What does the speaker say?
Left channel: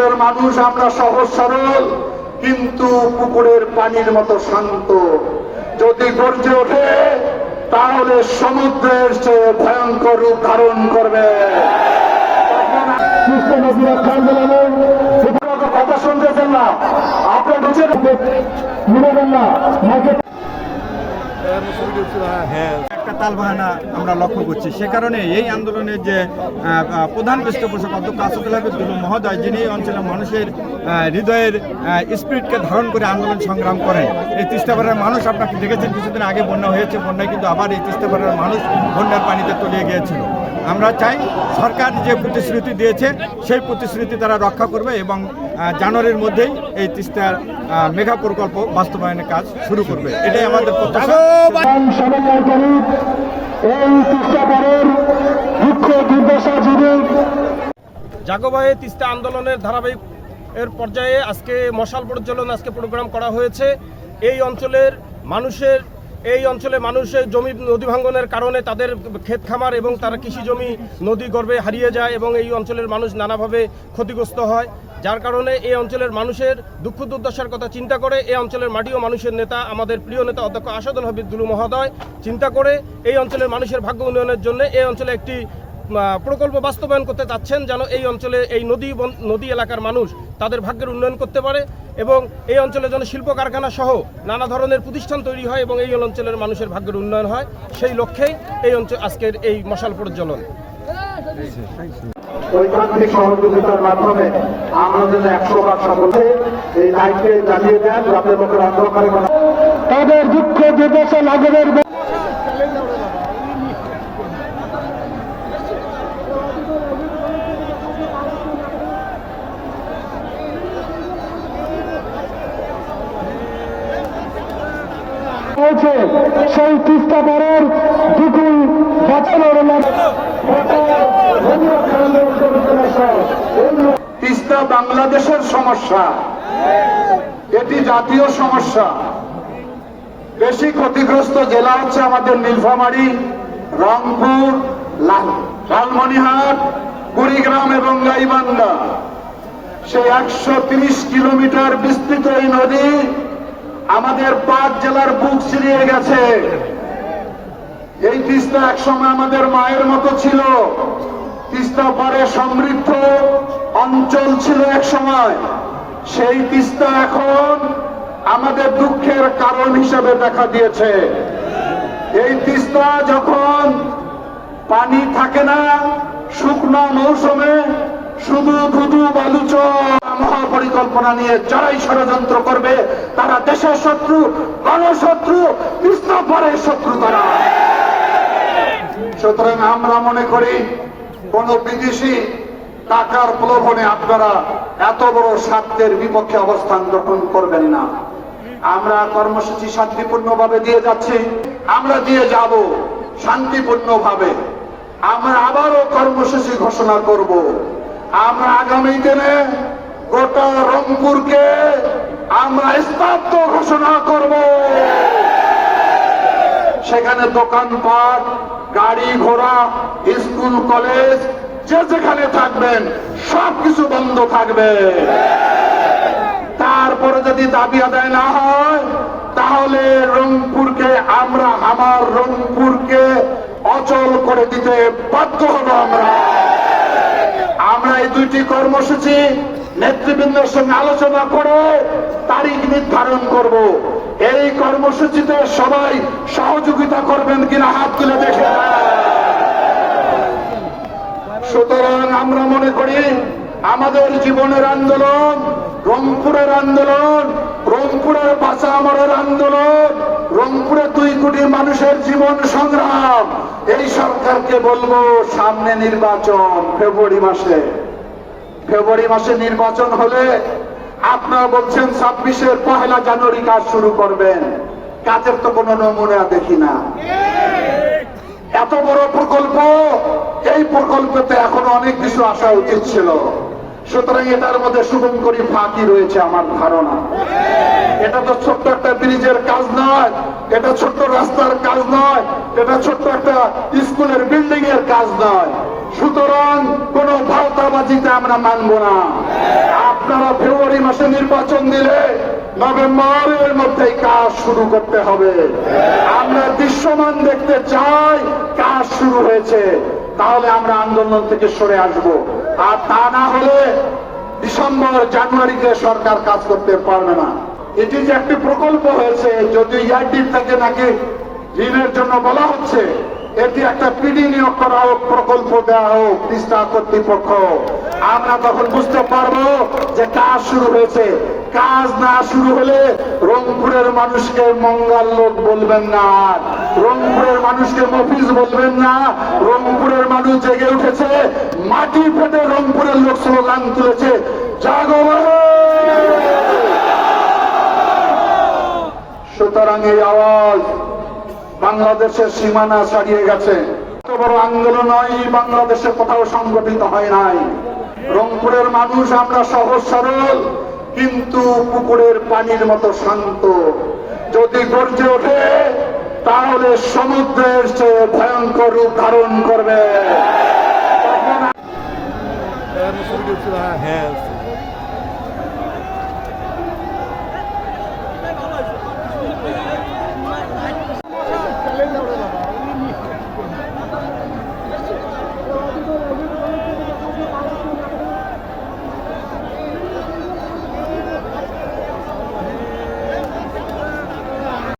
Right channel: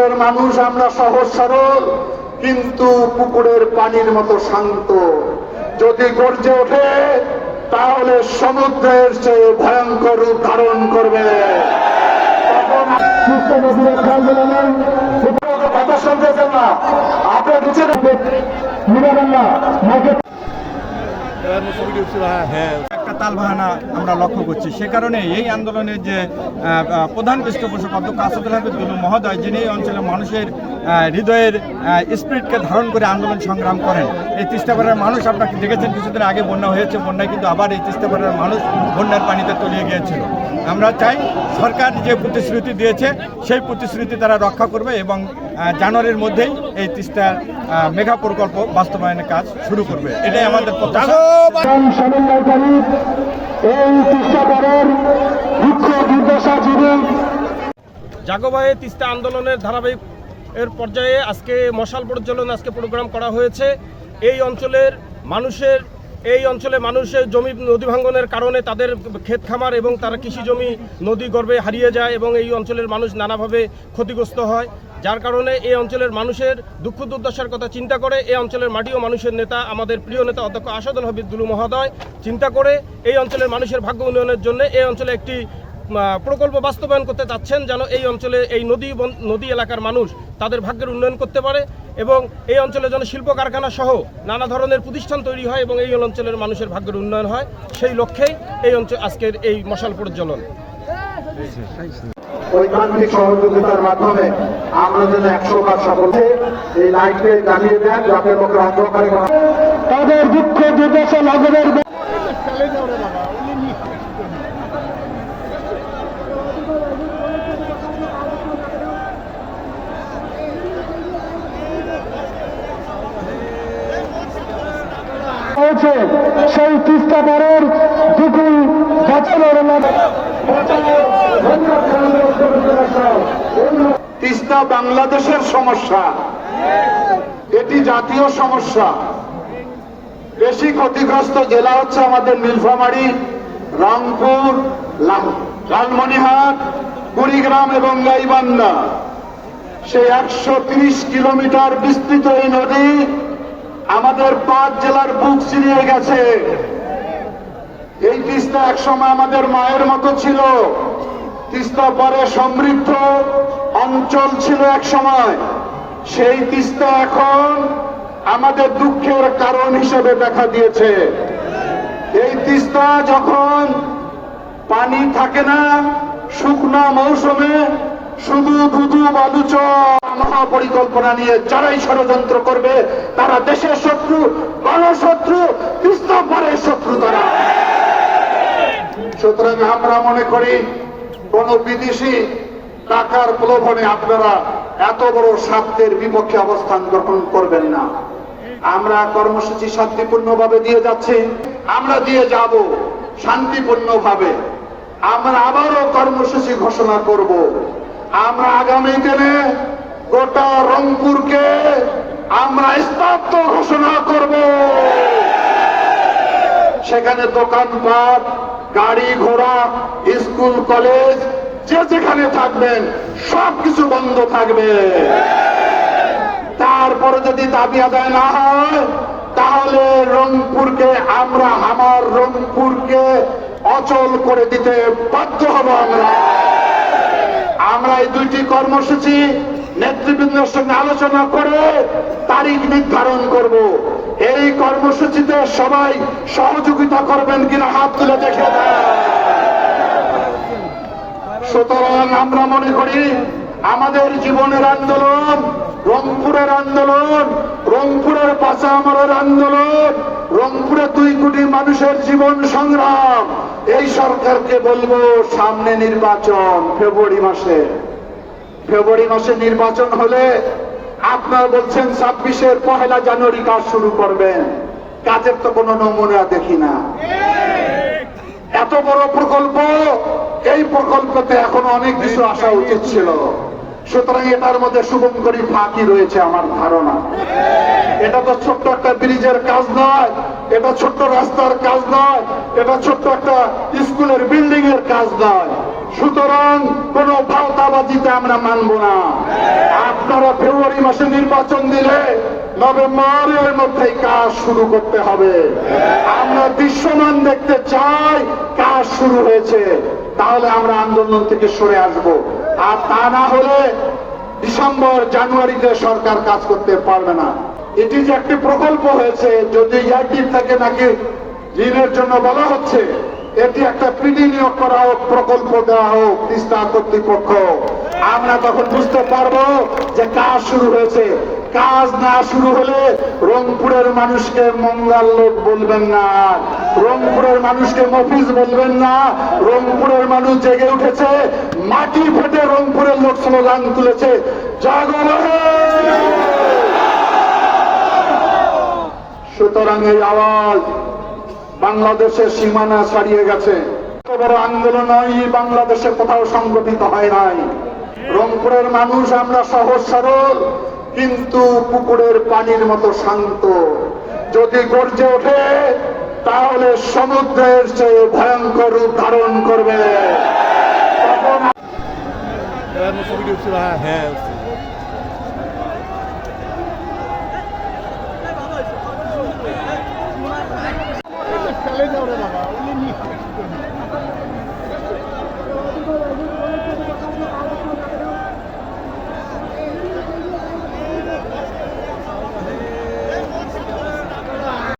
রংপুরের মানুষ আমরা সহজ সরল, কিন্তু পুকুরের পানির মতো শান্ত। যদি গর্জে ওঠে তাহলে সমুদ্রের চেয়ে ভয়ঙ্কর রূপ ধারণ করবে। কথা শুনতেছেন না, আপনি নিচে নেবেন না। একটা তালবাহানা আমরা লক্ষ্য করছি। সে কারণে এই আন্দোলনের যে প্রধান পৃষ্ঠপোষক অধ্যক্ষ আসাদুল হাবিব দুলু মহোদয়, যিনি এই অঞ্চলের মানুষের হৃদয়ের স্পিরিটকে ধারণ করে আন্দোলন সংগ্রাম করেন। এই তিস্তাপাড়ার মানুষ আপনাকে দেখেছেন, কিছুদিন আগে বন্যা হয়েছে, বন্যায় কিন্তু আবার এই তিস্তাপাড়ার মানুষ বন্যার পানিতে তলিয়ে গিয়েছিল। আমরা চাই সরকার যে প্রতিশ্রুতি দিয়েছে সেই প্রতিশ্রুতি তারা রক্ষা করবে এবং জানুয়ারির মধ্যেই এই তিস্তার মেগা প্রকল্প বাস্তবায়নের কাজ শুরু করবে, এটাই আমাদের প্রত্যাশা। জাগোবায়ে তিস্তা আন্দোলনের ধারাবাহিক এর পর্যায়ে আজকে মশাল প্রজ্বলন আজকে প্রোগ্রাম করা হয়েছে। এই অঞ্চলের মানুষের জমি নদী ভাঙ্গনের কারণে তাদের ক্ষেত খামার এবং তারা কৃষি জমি নদী গর্ভে হারিয়ে যায় এবং এই অঞ্চলের মানুষ নানাভাবে ক্ষতিগ্রস্ত হয়। যার কারণে এই অঞ্চলের মানুষের দুঃখ দুর্দশার কথা চিন্তা করে এই অঞ্চলের মাটি ও মানুষের নেতা, আমাদের প্রিয় নেতা অধ্যক্ষ আসাদুল হাবিব দুলু মহোদয় চিন্তা করে এই অঞ্চলের মানুষের ভাগ্য উন্নয়নের জন্য এই অঞ্চলে একটি প্রকল্প বাস্তবায়ন করতে চাচ্ছেন, যেন এই অঞ্চলে এই নদী এলাকার মানুষ তাদের ভাগ্যের উন্নয়ন করতে পারে এবং এই অঞ্চলে যেন শিল্প কারখানা সহ নানা ধরনের প্রতিষ্ঠান তৈরি হয় এবং এই অঞ্চলের মানুষের ভাগ্যের উন্নয়ন হয়। সেই লক্ষ্যেই এই অঞ্চল আজকের এই মশাল প্রজ্বলন। ঐকান্তিক সহযোগিতার মাধ্যমে আমরা যেন 100% সফল হই। এই লাইটকে জ্বালিয়ে দেন যাতে লোকের অন্ধকারে তাদের দুঃখ দুর্দশা লাঘবের সেই তিস্তাপাড়ের দুটি বাঁচানোর তিস্তা বাংলাদেশের সমস্যা, এটি জাতীয় সমস্যা। বেশি ক্ষতিগ্রস্ত জেলা হচ্ছে আমাদের নীলফামারী, রংপুর, লালমনিরহাট, কুড়িগ্রাম এবং গাইবান্ধা। সেই 130 কিলোমিটার বিস্তৃত এই নদী আমাদের 5 জেলার বুক চিরিয়ে গেছে। এই তিস্তা একসময় আমাদের মায়ের মতো ছিল। তিস্তা পারে সমৃদ্ধ অঞ্চল ছিল এক সময়। সেই তিস্তা এখন আমাদের দুঃখের কারণ হিসেবে দেখা দিয়েছে। এই তিস্তা যখন পানি থাকে না, শুকনো মৌসুমে শুধু ধুধু বালুচ মহাপরিকল্পনা নিয়ে যারাই ষড়যন্ত্র করবে তারা দেশের শত্রু, গণশত্রু, তিস্তা পারের শত্রু তারা। সুতরাং আমরা মনে করি কোন বিদেশি টাকার প্রলোভনে আপনারা এত বড় স্বার্থের বিপক্ষে অবস্থান গ্রহণ করবেন না। আমরা কর্মসূচি শান্তিপূর্ণভাবে দিয়ে যাচ্ছি, আমরা দিয়ে যাব শান্তিপূর্ণভাবে। আমরা আবারও কর্মসূচি ঘোষণা করব। আমরা আগামী দিনে গোটা রংপুরকে আমরা স্তব্ধ ঘোষণা করব। সেখানে দোকানপাট, গাড়ি ঘোড়া, স্কুল কলেজ যে যেখানে থাকবেন সবকিছু বন্ধ থাকবে। তারপরে যদি দাবি আদায় না হয় তাহলে রংপুরকে আমার রংপুরকে অচল করে দিতে বাধ্য হব। আমরা এই দুইটি কর্মসূচি নেতৃবৃন্দের সঙ্গে আলোচনা করে তারিখ নির্ধারণ করব। এই কর্মসূচিতে সবাই সহযোগিতা করবেন কিনা হাত তুলে দেখে। সুতরাং আমরা মনে করি আমাদের জীবনের আন্দোলন, রংপুরের আন্দোলন, রংপুরের বাঁচা আমরের আন্দোলন, রংপুরে 2 কোটি মানুষের জীবন সংগ্রাম। এই সরকারকে বলবো সামনে নির্বাচন ফেব্রুয়ারি মাসে নির্বাচন হলে আপনারা বলছেন 26-এর 1 জানুয়ারি কাজ শুরু করবেন। কাজের তো কোনো নমুনা দেখি না। এত বড় প্রকল্প, এই প্রকল্পতে এখনো অনেক কিছু আসা উচিত ছিল। সুতরাং এটার মধ্যে শুভঙ্করী ফাঁকি রয়েছে আমার ধারণা। এটা তো ছোট্ট একটা ব্রিজের কাজ নয়, এটা ছোট্ট রাস্তার কাজ নয়, এটা ছোট্ট একটা স্কুলের বিল্ডিং এর কাজ নয়। সুতরাং কোন ভাওতাবাজিতে আমরা মানব না। আপনারা ফেব্রুয়ারি মাসে নির্বাচন দিলে নভেম্বরের মধ্যেই কাজ শুরু করতে হবে। আমরা দৃশ্যমান দেখতে চাই কাজ শুরু হয়েছে, তাহলে আমরা আন্দোলন থেকে সরে আসব। আর তা না হলে ডিসেম্বর জানুয়ারিতে সরকার কাজ করতে পারবে না। এটি যে একটি প্রকল্প হয়েছে, যদি ইয়ারডি থেকে নাকি ঋণের জন্য বলা হচ্ছে, এটি একটা পিডি নিয়োগ করা হোক, প্রকল্প দেওয়া হোক তিস্তা কর্তৃপক্ষ, আমরা তখন বুঝতে পারবো যে কাজ শুরু হয়েছে। কাজ না শুরু হলে রংপুরের মানুষকে মঙ্গাল লোক বলবেন না, রংপুরের মানুষকে মফিজ বলবেন না। রংপুরের মানুষ জেগে উঠেছে, মাটি ফেটে রংপুরের লোক স্লোগান তুলেছে, জাগো বাংলা। সুতরাং এই আওয়াজ বাংলাদেশের সীমানা ছাড়িয়ে গেছে। এত বড় আন্দোলন নয়, বাংলাদেশে কোথাও সংগঠিত হয় নাই। রংপুরের মানুষ আমরা সহজ সরল, কিন্তু পুকুরের পানির মতো শান্ত। যদি গর্জে ওঠে তাহলে সমুদ্রের চেয়ে ভয়ঙ্কর রূপ ধারণ করবে। হ্যাঁ